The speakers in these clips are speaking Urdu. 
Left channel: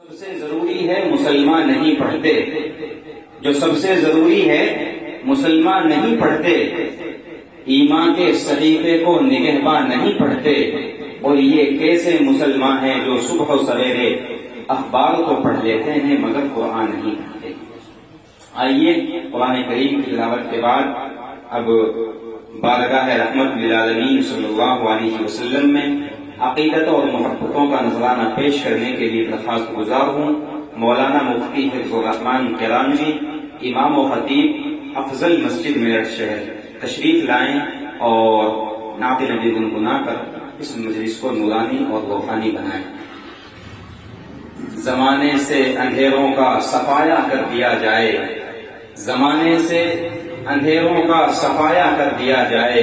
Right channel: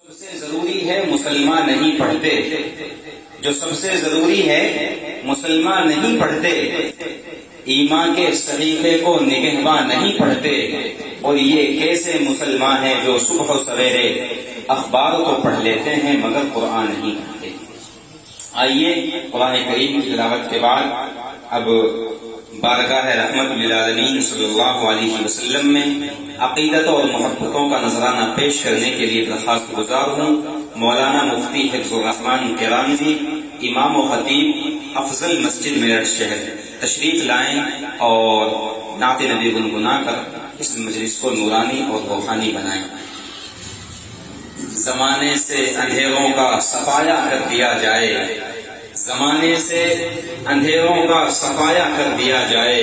سب سے ضروری ہے مسلمان نہیں پڑھتے، جو سب سے ضروری ہے مسلمان نہیں پڑھتے، ایمان کے صحیفے کو نگہباں نہیں پڑھتے، اور یہ کیسے مسلمان ہیں جو صبح و سویرے اخبار کو پڑھ لیتے ہیں مگر قرآن نہیں پڑھتے۔ آئیے قرآن کریم کی تلاوت کے بعد اب بارگاہ رحمت للعالمین صلی اللہ علیہ وسلم میں عقیدت اور محبتوں کا نذرانہ پیش کرنے کے لیے درخواست گزار ہوں مولانا مفتی حفظ الرحمان کرانوی، امام و خطیب افضل مسجد میرٹھ شہر، تشریف لائیں اور نعت نبی گنگنا کر اس مجلس کو نورانی اور روحانی بنائیں۔ زمانے سے اندھیروں کا صفایا کر دیا جائے، زمانے سے اندھیروں کا صفایا کر دیا جائے،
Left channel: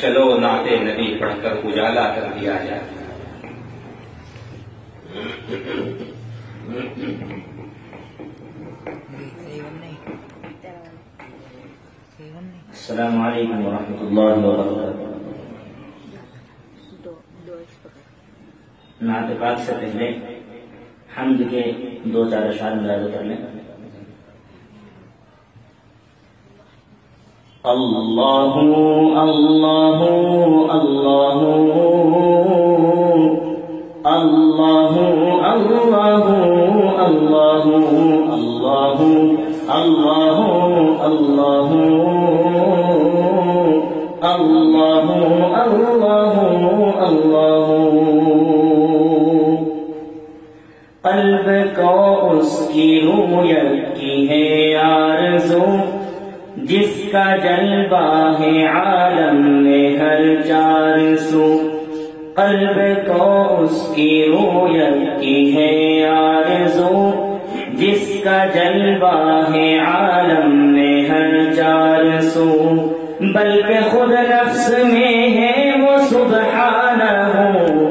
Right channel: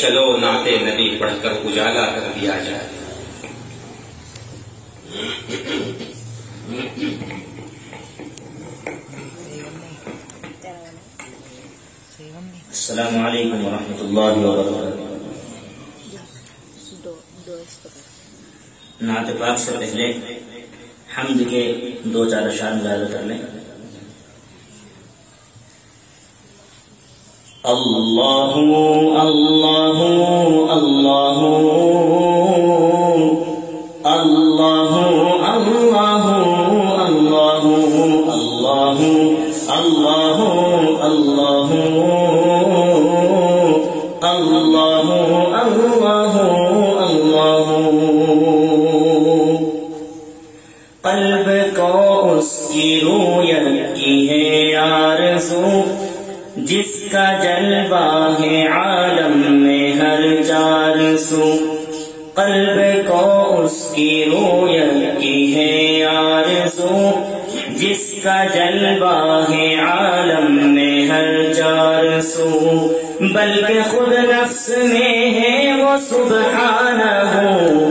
چلو نعت نبی پڑھ کر اجالا کر دیا جائے۔ السلام علیکم ورحمۃ اللہ وبرکاتہ۔ نعت پاک سے پہلے حمد کے دو چار اشعار ملاحظہ کر لیں۔ اللہ اللہ اللہ اللہ اللہ اللہ اللہ اللہ اللہ اللہ اللہ قلب کو اس کی رویت کی ہے آرزو، جس کا جلوہ ہے عالم میں ہر چار سو۔ قلب کو اس کی رویت کی ہے آرزو، جس کا جلوہ ہے عالم میں ہر چار سو۔ بلکہ خود نفس میں ہے وہ سبحانہ،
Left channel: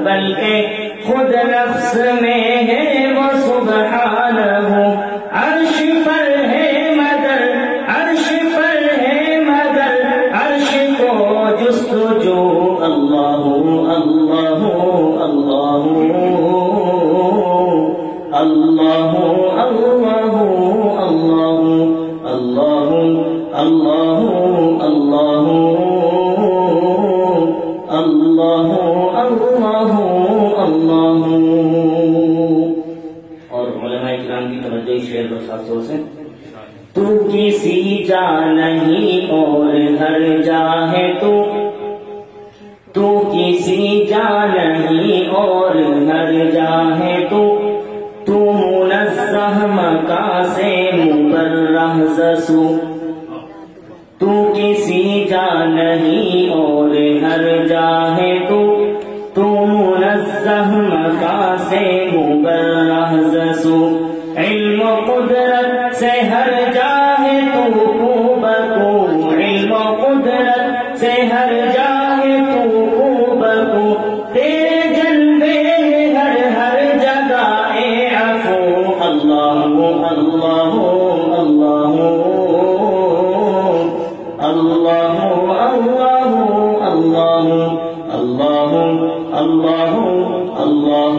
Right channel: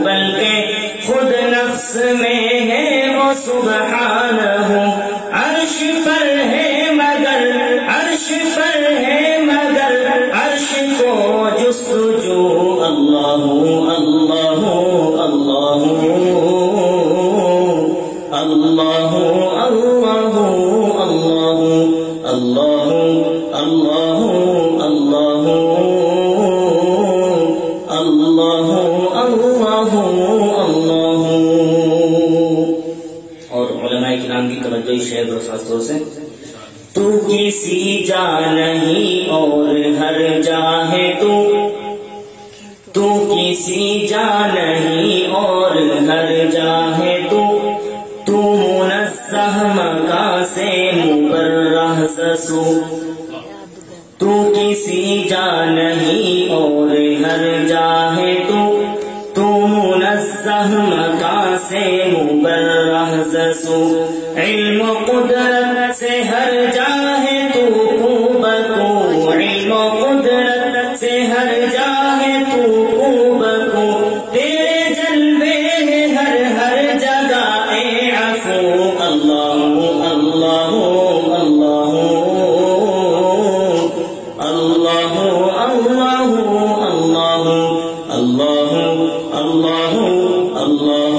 بلکہ خود نفس میں ہے وہ سبحانہ، عرش پر ہے مگر عرش پر ہے مگر عرش کو جستجو۔ اللہ اللہ اللہ اللہ اللہ اللہ اللہ اللہ اللہ اللہ اللہ۔ اور علماء کرام کی توجہ شعر اور خاص طور سے تو کسی جا نہیں اور ہر جا ہے تو کسی جا نہیں اور ہر جا ہے تو منزہ مکان سے مبرہ زسو۔ تو کسی جا نہیں اور ہر جا ہے تو منزہ مکان سے مبرہ زسو۔ علم و قدرت سے ہر جا ہے تو کو بکو، علم و قدرت سے ہر جا ہے تو کو بکو، تیرے جلوے ہیں ہر ہر جگہ اے عفو۔ اللہ اللہ اللہ اللہ اللہ اللہ اللہ اللہ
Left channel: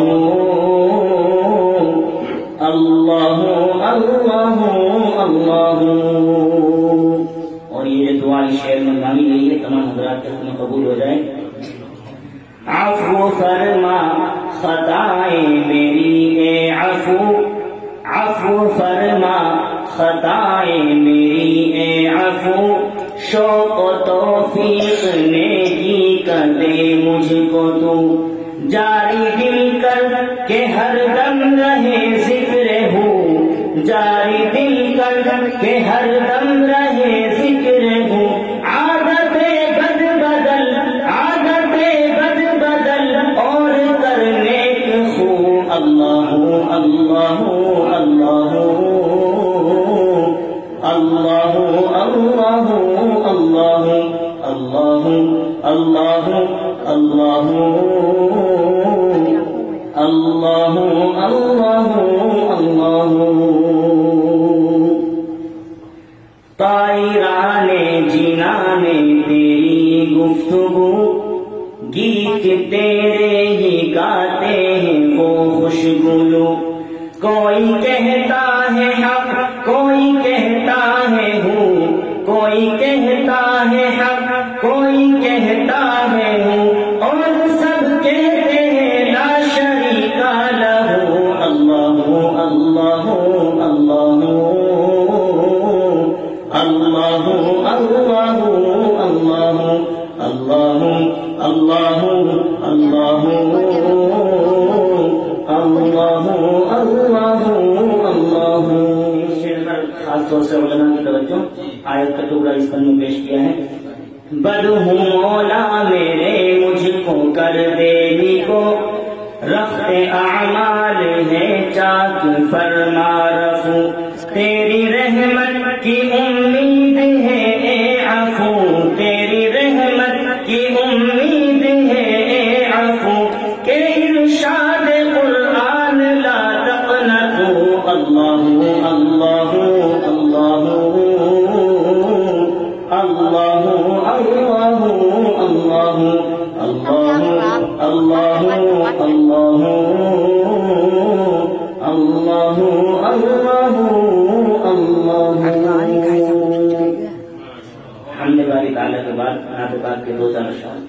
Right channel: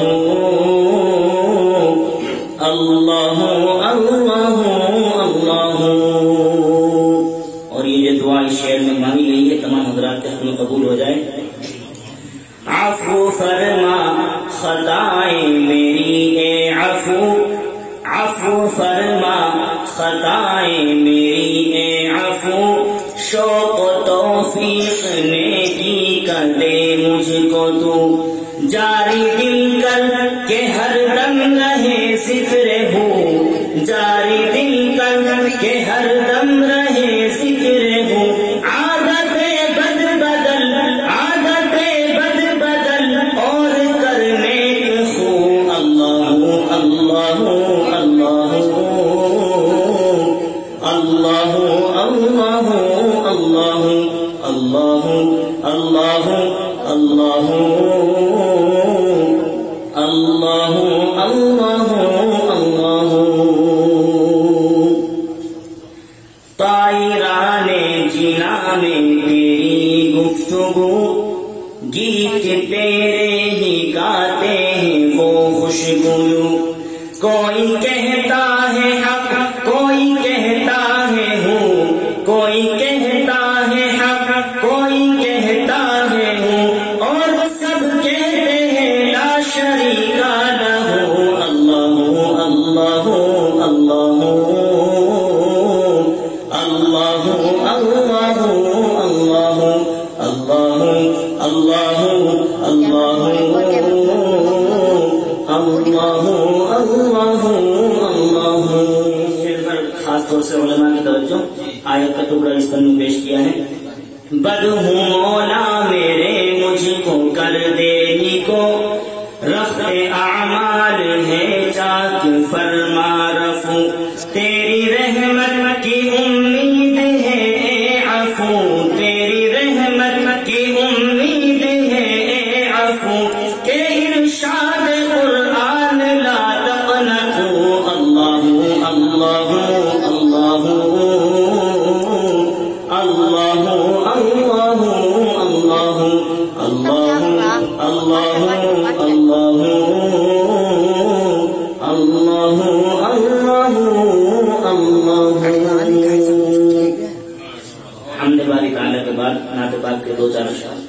اللہ اللہ اللہ اللہ۔ اور یہ دعا اس شعر میں مانگی گئی ہے، تمام حضرات کے حق میں قبول ہو جائے۔ عفو فرما خطائیں میری اے عفو، عفو فرما خطائیں میری اے عفو، شوق و توفیق نیکی کا دے مجھ کو تو، جاری دل کر کے ہر دم رہے ذکر ہو، جاری دل کر کے ہر دم رہے ذکر ہو، عادت بد بدل عادت بد بدل اور کر نیک خو۔ اللہ اللہ اللہ اللہ اللہ اللہ اللہ اللہ اللہ اللہ اللہ اللہ۔ طائران جنان تیری گفتگو، گیت تیرے ہی گاتے ہیں وہ خوشگلو، کوئی کہتا ہے حق، کوئی کہتا ہے ہوں، کوئی کہتا ہے حق، کوئی کہتا ہے ہوں، اور سب کہتے ہیں لا شریک لہ۔ اللہ اللہ اللہ اللہ اللہ اللہ اللہ اللہ خاص طور سے علماء کی توجہ آیت کا ٹکڑا اس طرح میں پیش کیا ہے۔ بد ہوں مولا میرے مجھ کو کر دینے کو، رفع اعمال ہے چاک فرما رفو، تیری رحمت کی امید ہے اے عفو، تیری رحمت کی امید ہے اے عفو، کہ ارشاد قرآن لا تقنطوا۔ اللہ اللہ اللہ اللہ اللہ اللہ اللہ اللہ حمد باری تعالیٰ کے بعد نعت پاک کے دو چار اشعار۔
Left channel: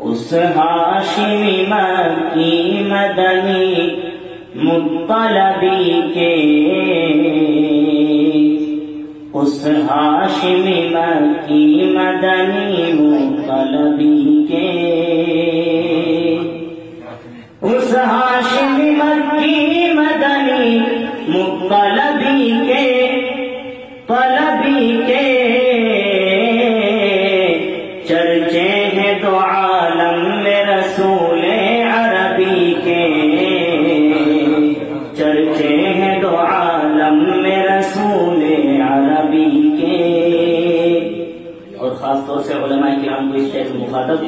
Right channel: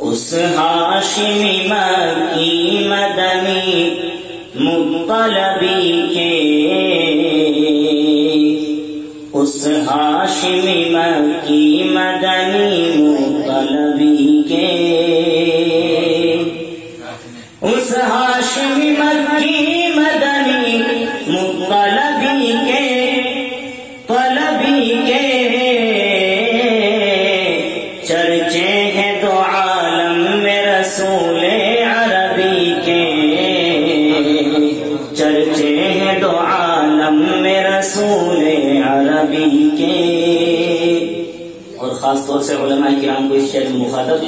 اس ہاشمی مکی مدنی مطلبی کے، اس ہاشمی مکی مدنی مطلبی کے، اس ہاشمی مکی مدنی مطلبی کے، طلبی کے چرچے ہیں دو عالم میں رسول عربی کے، چرچے ہیں دو عالم میں رسول عربی کے۔ اور خاص طور سے علماء کرام کو اس شعر میں مخاطب،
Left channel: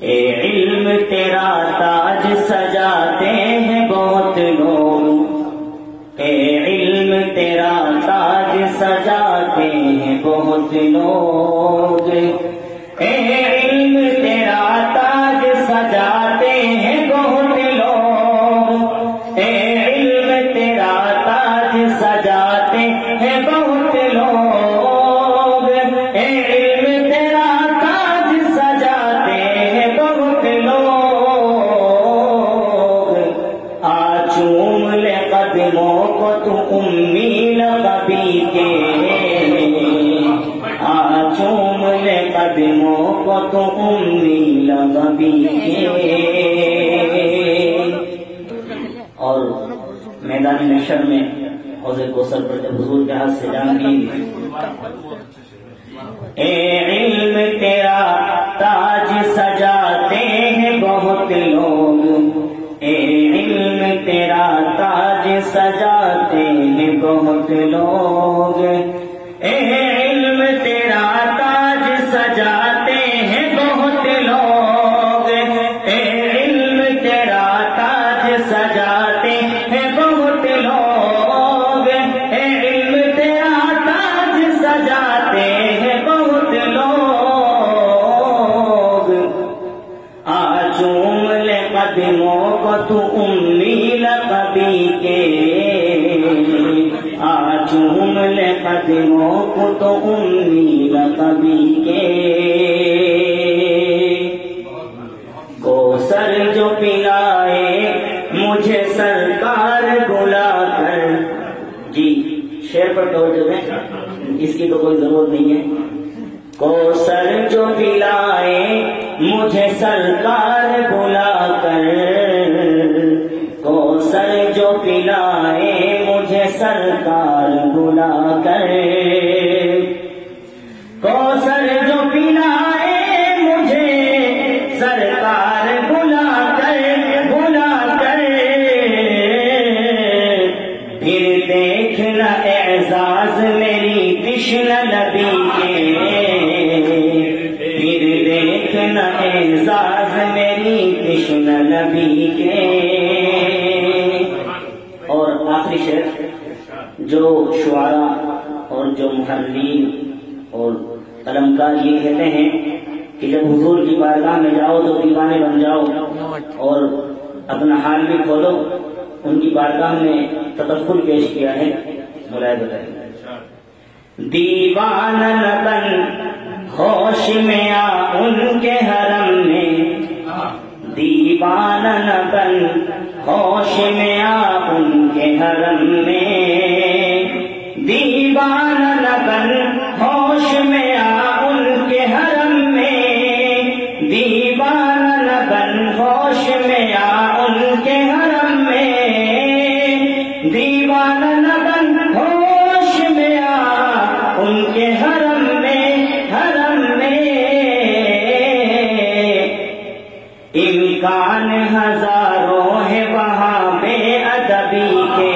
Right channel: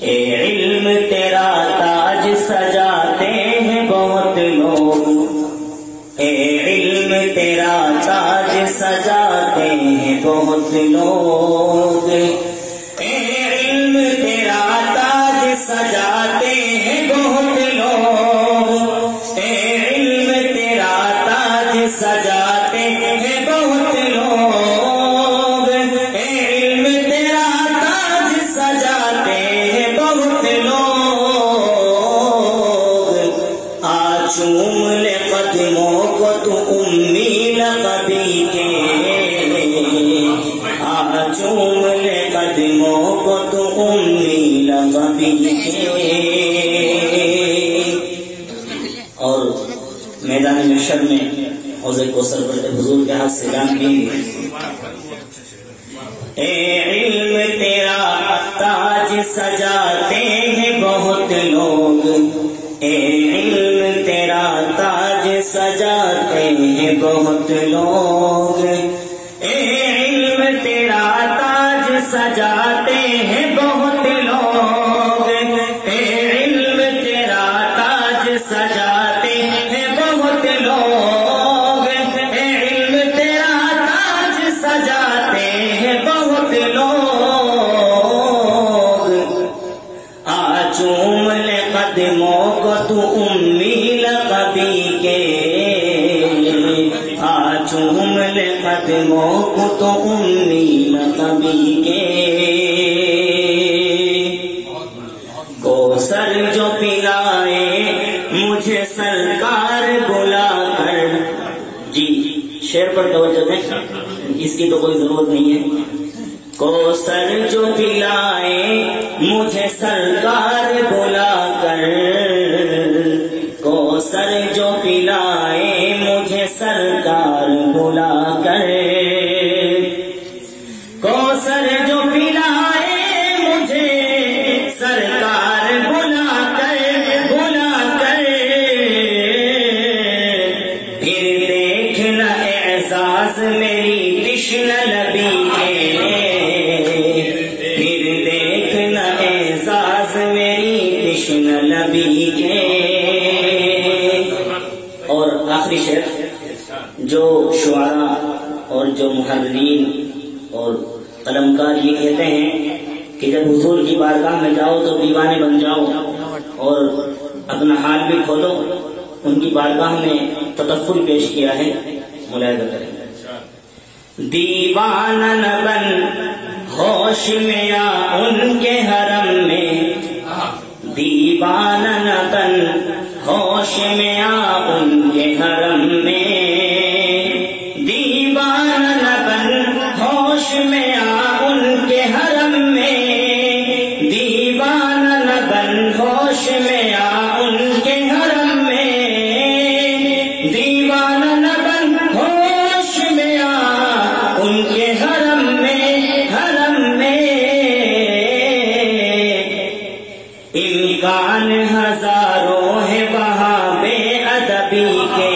اے علم تیرا تاج سجاتے ہیں بہت لوگ، اے علم تیرا تاج سجاتے ہیں بہت لوگ، اے علم تیرا تاج سجاتے ہیں بہت لوگ، اے علم تیرا تاج سجاتے ہیں بہت لوگ، اے علم تیرا تاج سجاتے ہیں بہت لوگ، آ چوم لے قدموں کو تو امی لقبی کے، آ چوم لے قدموں کو تو امی لقبی کے۔ اور میدان محشر میں حوض کوثر پر حضور کے ہاتھ سے جام کی، اے علم تیرا تاج سجاتے ہیں بہت لوگ، اے علم تیرا تاج سجاتے ہیں بہت لوگ، اے علم تیرا تاج سجاتے ہیں بہت لوگ، اے علم تیرا تاج سجاتے ہیں بہت لوگ، اے علم تیرا تاج سجاتے ہیں بہت لوگ، آ چوم لے قدموں کو تو امی لقبی کے، آ چوم لے قدموں کو تو امی لقبی کے۔ کوثر جو پلائے مجھے سرکار بلا کر، جی شعر پر توجہ دیں، اس کی تو کوئی ضرورت نہیں ہے۔ کوثر جو پلائے مجھے سرکار بلا کر، کوثر جو پلائے مجھے سرکار بلا کر، کوثر جو پلائے مجھے سرکار بلا کر، پھر دیکھنا اعزاز میری تشن لبی کے، پھر دیکھنا اعزاز میری تشن لبی کے۔ اور آخری شعر جو شعراء اور جو محررین اور قلمکار یہ کہتے ہیں کہ جب حضور کی بارگاہ میں جاؤ تو دیوانے بن جاؤ، اور اپنا حال بھی کھولو، ان کی بارگاہ میں تطفل پیش کیا ہے، ملاحظہ کریں۔ دیوانہ نہ بن ہوش میں آ ان کے حرم میں، دیوانہ نہ بن ہوش میں آ ان کے حرم میں، دیوانہ نہ بن ہوش میں آ ان کے حرم میں، دیوانہ نہ بن ہوش میں آ ان کے حرم میں، دیوانہ نہ بن ہوش میں آ ان کے حرم میں، حرم میں امکان ہزاروں ہے وہاں بے ادبی کے،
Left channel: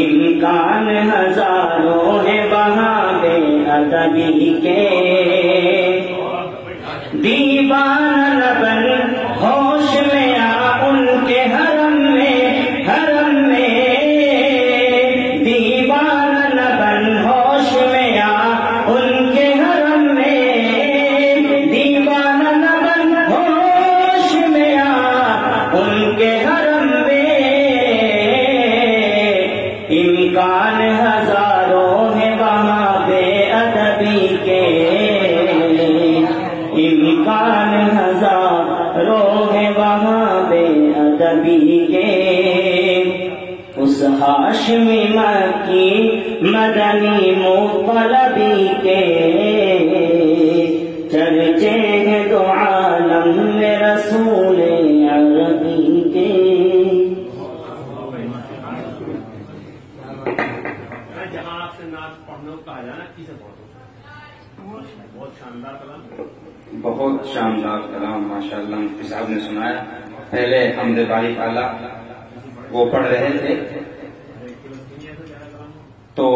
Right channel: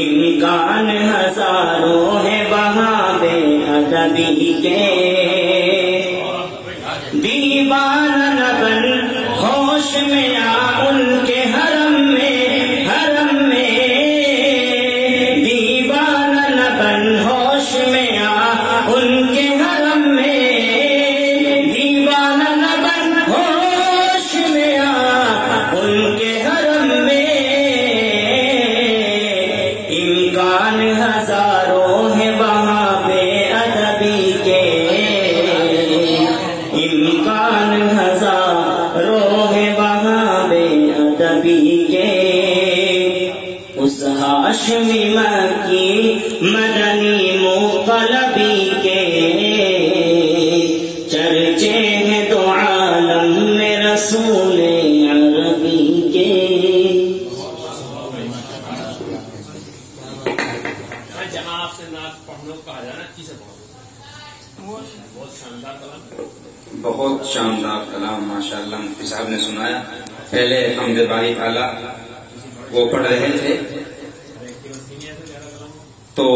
امکان ہزاروں ہے وہاں بے ادبی کے، دیوانہ نہ بن ہوش میں آ ان کے حرم میں، حرم میں دیوانہ نہ بن ہوش میں آ ان کے حرم میں، دیوانہ نہ بن ہوش میں آ ان کے حرم میں امکان ہزاروں ہے وہاں بے ادبی کے، امکان ہزاروں ہے وہاں بے ادبی کے، اس ہاشمی مکی مدنی مطلبی کے چرچے ہیں تو عالم میں رسول عربی کے۔ جہاں آپ سے نعت پڑھنے کو کہا جانا کسی بہت شاندار کلام، بہت شاندار کلام ماشاءاللہ مفتی صاحب نے سنایا۔ پہلے حمد باری تعالیٰ وہ پڑھ رہے تھے تو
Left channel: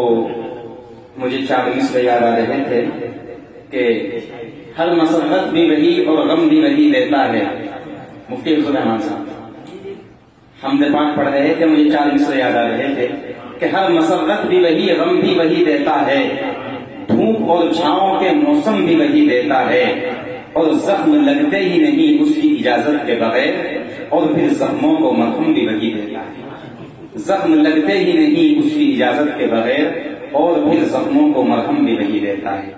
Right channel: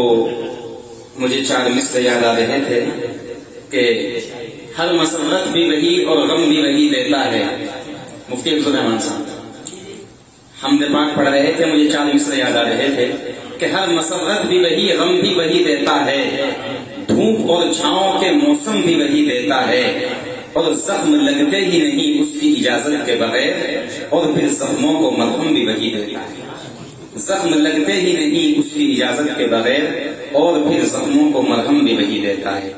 مجھے 4 مصر یاد آ رہے تھے کہ ہر مسرت بھی وہی اور غم بھی وہی دیتا ہے۔ مفتی عبد الرحمان صاحب حمد پاک پڑھ رہے تھے، مجھے 4 مصر یاد آ رہے تھے کہ ہر مسرت بھی وہی، غم بھی وہی دیتا ہے، دھوپ اور چھاؤں کے موسم بھی وہی دیتا ہے، اور زخم لگتے ہی نہیں اس کی اجازت کے بغیر، اور پھر زخموں کو مرہم بھی وہی دیتا ہے۔ زخم لگتے ہی نہیں اس کی اجازت کے بغیر، اور پھر زخموں کو مرہم بھی وہی دیتا ہے۔